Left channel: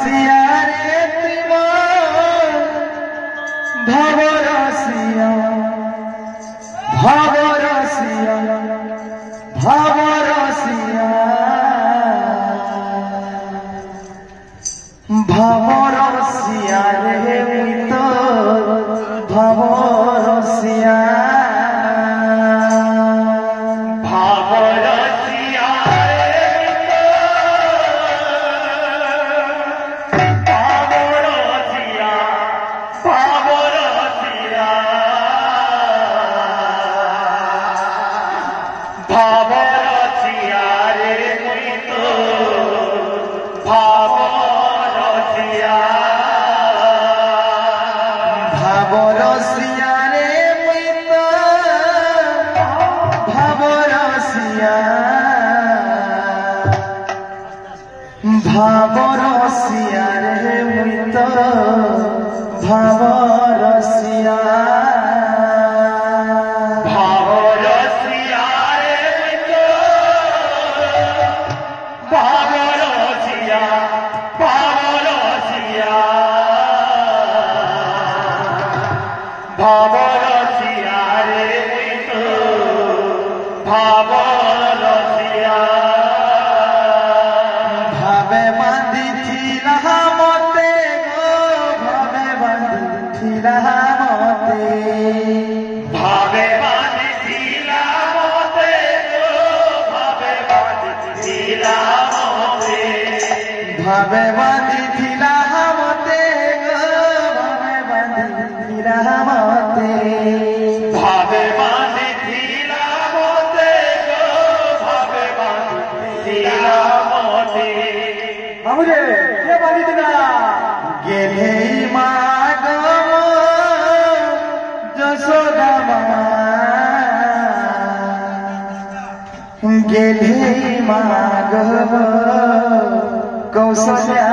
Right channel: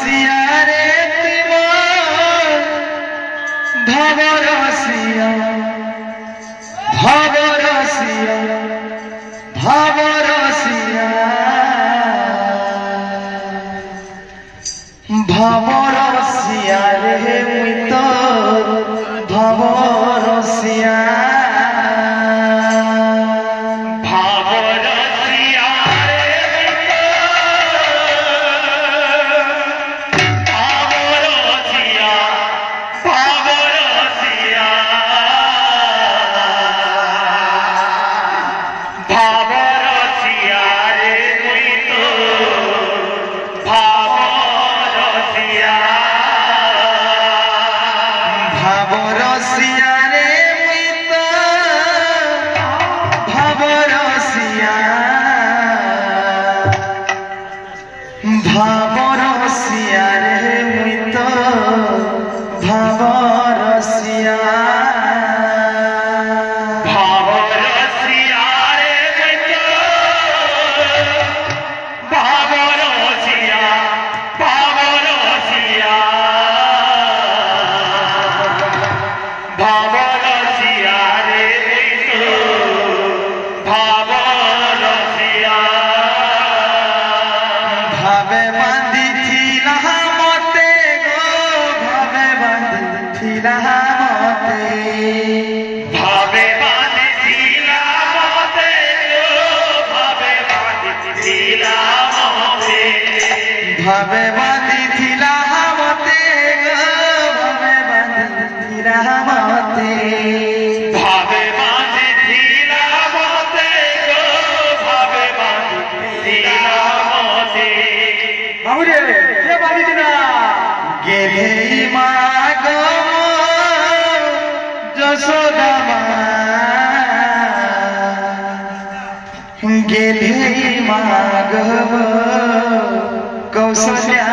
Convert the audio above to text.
सियारे भवरसिया भवरसिया भवरसिया भवरसिया रे मित भवरसिया भवरसिया रे मुइत भवरसिया भवरसिया रे मुइत भवरसिया भवरसिया भवरसिया रे मुइत भवरसिया भावे बांधिथिला मते गो भावे बांधिथिला मते भावे बांधिथिला मते गो भावे बांधिथिला मते भावे बांधिथिला मते गो भावे बांधिथिला मते भावे बांधिथिला मते गो भावे बांधिथिला बाबूरे ये बाजी दिना गेले मागम जसोदा गेले मागम कौशल्या